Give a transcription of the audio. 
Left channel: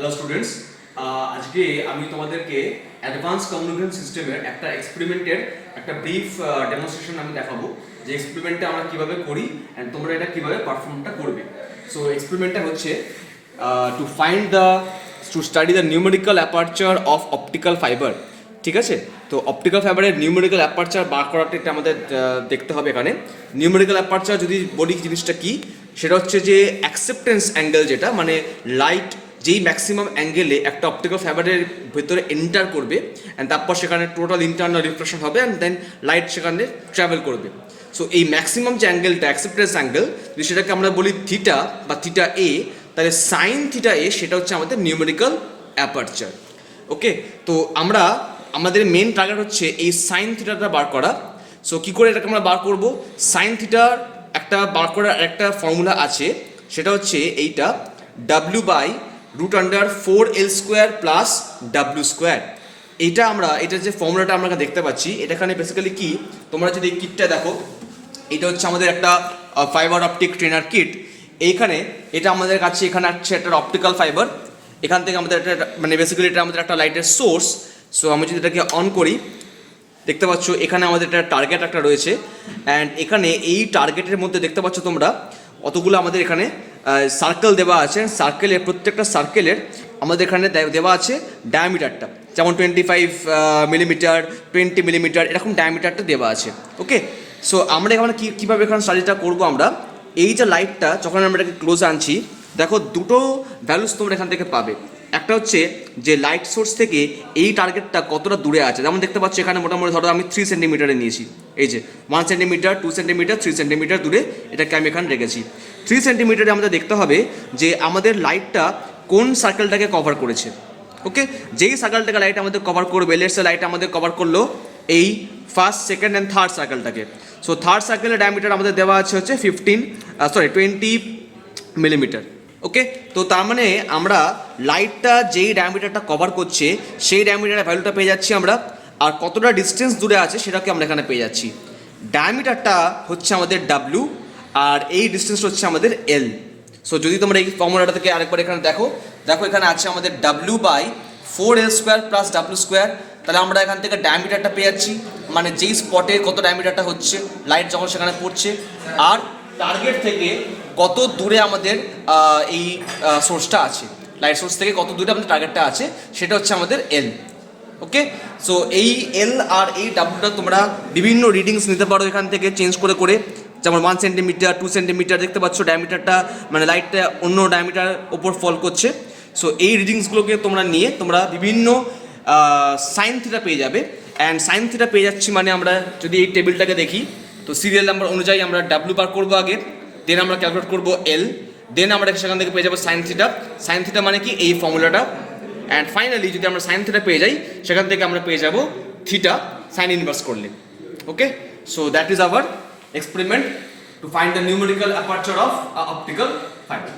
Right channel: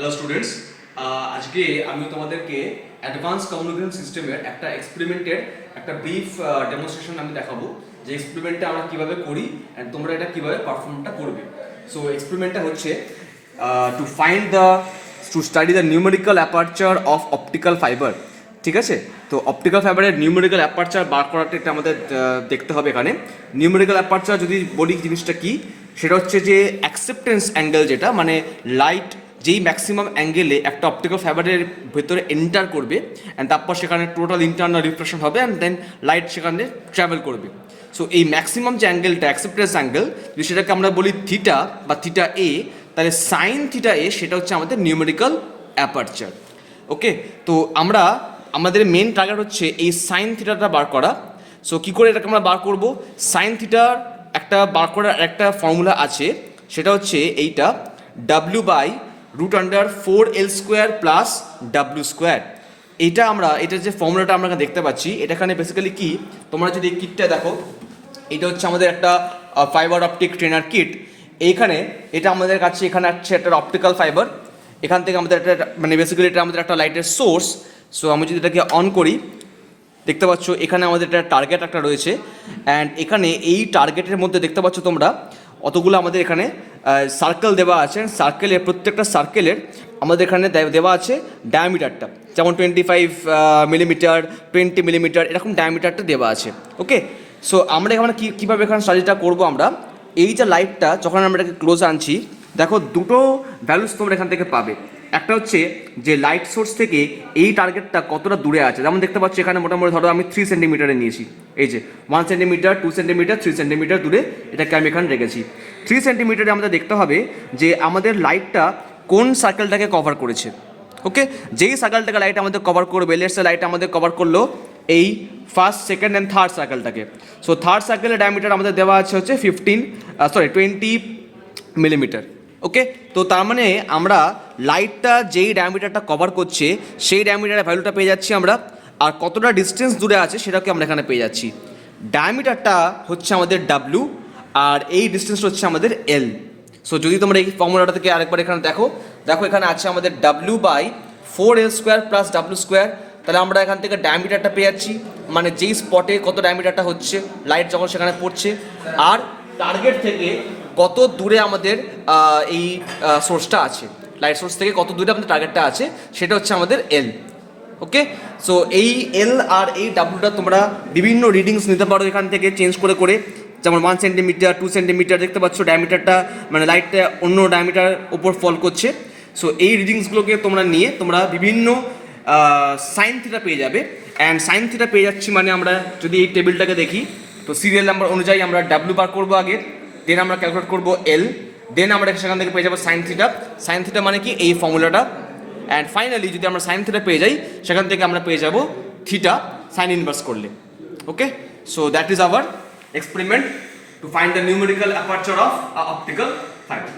Hello students, আজকে আমি তোমাদেরকে অ্যাডভান্স কমিউনিকেশন সিস্টেমের একটা এক্সপেরিমেন্টের একটা ব্রিফ ডেমনস্ট্রেশন আমি দেখাবো যে এক্সপেরিমেন্টটা আমরা কিভাবে করি অ্যান্ড তোমরা এটা কিভাবে পারফর্মটা করবে। সো এক্সপেরিমেন্টটা হচ্ছে to study the numerical aperture of optical fibre. ঠিক আছে, তো অপটিক্যাল ফাইবারের নিউমেরিক্যাল অ্যাপারচার বার করাটা এটা আমাদের দেখতে হবে। এখানে নিউমেরিক্যাল অ্যাপারচার যদি বলি জিনিসটা কি, সেটা হচ্ছে যে অ্যাকসেপ্টেন্স অ্যাঙ্গেল, যেটা মানে লাইট যেই ম্যাক্সিমাম অ্যাঙ্গেলে একটা অপটিক্যাল ফাইবারের ভেতরে এন্টার করবে অ্যান্ড তারপর সেখানে টোটাল ইন্টারনাল রিফ্লেকশন হবে অ্যান্ড দেন লাইট সেখানে ট্রাভেল করবে। সো এই ম্যাক্সিমাম যে অ্যাঙ্গেলটা অ্যাকসেপ্টেন্স অ্যাঙ্গেল, যদি সেটাকে আমরা বলি থিটা বা থিটা এ, তাহলে সাইন থিটা এ সেটা হচ্ছে আমাদের নিউমেরিক্যাল অ্যাপারচার। ওকে, তো আমাদের মেন টার্গেট হচ্ছে এই সাইন থিটাটা বার করা। সো কী করে এটাকে আমরা বার করব? সাইন থিটার একটা বার করার একটা ফর্মুলা আছে, সেটা হচ্ছে এইটা W/√4L² প্লাস W²। এটা যে ফর্মুলাটা আমরা দেখতে পাচ্ছি, এটাখানে বেসিক্যালি কি, তোমরা যদি এই কিটটা দেখো, এটা হচ্ছে আমাদের একটা ফাইবার অপটিক ট্রেনার কিট। এইখানে এটা আমাদের কাছে এখানে আছে একটা অপটিক্যাল ফাইবার, এখান থেকে আমাদের একটা মানে বেসিক্যালি এটা আমাদের একটা লাইটের সোর্স। সো আমি যদি এটাকে অন করি, দেখতে পাচ্ছ এখানে আমাদের একটা টার্গেট একটা রয়েছে অ্যান্ড এখানে এই টার্গেটের মধ্যে দেখতে পাচ্ছ তোমরা অতগুলো আমাদের এখানে সার্কেল দেওয়া আছে। সার্কেলের প্রত্যেকটা সার্কেলের আমাদের এখানে দেওয়া আছে ডায়ামিটারটা, যেমন 25 মিলিমিটার, 20 মিলিমিটার, এরকম ডায়ামিটারটা দেওয়া আছে। ওকে, সো আমরা এখানে কীভাবে এখানে স্টাডিটা করবো, আমরা এই যে লাইটটা যখন আমরা এটাকে ক্লোজে আনছি, দেখো দুটো ভ্যালুস তোমরা এখান থেকে পাবে। একটা হচ্ছে যে লাইট সোর্স থেকে এই টার্গেটটা কতটা দূরে আছে, যেমন দেখতে পাচ্ছি এখানে মোটামুটি ধরো আমি 3 সেন্টিমিটারে নিয়েছি, এই যে 1 সেন্টিমিটার, 2 সেন্টিমিটার, 3 সেন্টিমিটার দূরে এটাকে আমি এখানে রেখেছি। 3 সেন্টিমিটারে আমাদের দেখতে হবে যে আমাদের লাইটটা কোন সার্কেলটাকে কভার করেছে। ওকে, যেই সার্কেলটাকে লাইট আমাদের কভার করবে, লেটস সে লাইট আমাদের কভার করলো এই ফার্স্ট, সেকেন্ড অ্যান্ড থার্ড সার্কেলটাকে। সো থার্ড সার্কেলের ডায়ামিটার আমাদের দেওয়া আছে হচ্ছে 20 মিলিমিটার। ওকে, তো তার মানে আমরা লাইটটা যেই ডায়ামিটারটা কভার করছে সেই ডায়ামিটারের ভ্যালুটা পেয়ে যাচ্ছি আমরা, আর কতটা ডিস্টেন্স দূরে আছে সেটাকে আমরা এখানে পেয়ে যাচ্ছি। ডায়ামিটারটা হচ্ছে আমাদের ডাব্লিউ আর এই ডিস্টেন্স হচ্ছে আমাদের এল। সো যদি তোমরা এই ফর্মুলাটা থেকে আরেকবার এখানে দেখো এখানে আছে আমাদের W/4L² প্লাস W²। তাহলে আমরা এখান থেকে ডায়ামিটারটা পেয়ে যাচ্ছি, মানে যেই স্পটে কত ডায়ামিটারটা হচ্ছে লাইট যখন সেখানে পড়ছে, আর টার্গেট থেকে কত দূরে আমাদের এই সোর্সটা আছে, লাইট সোর্স থেকে কত দূরে আমাদের টার্গেটটা আছে, সেটা হচ্ছে আমাদের এল। ওকে, সো এই এল আর এই ডাব্লুটা তোমরা বিভিন্ন রিডিংস নিতে পারো এখান থেকে চেঞ্জ করে করে, যেমন 1 সেন্টিমিটার, 2 সেন্টিমিটার, দেখতে পাচ্ছ ডায়ামিটারটা মানে লাইটটা অন্য ডায়ামিটার ওপর ফল করছে। সো এই রিডিংসগুলোকে তোমরা নিয়ে তোমরা বিভিন্ন সাইন থিটা পেয়ে যাবে। অ্যান্ড সাইন থিটা পেয়ে যাচ্ছি মানে আমরা যদি এই টেবিলটাকে দেখি, তো সিরিয়াল নাম্বার অনুযায়ী আমরা ডাব্লিউ বার করবো আগে, দেন আমরা ক্যালকুলেট করবো এল, দেন আমরা সেখান থেকে পেয়ে যাবো সাইন থিটা। সাইন থিটা মানে কি এই ফর্মুলাটা, অ্যান্ড ফাইনালি যদি আমরা সাইন থিটা পেয়ে যাই, সেখান থেকে আমরা পেয়ে যাবো থিটা সাইন ইনভার্স করলে। Okay, so that is our experiment to find the numerical aperture of optical fiber.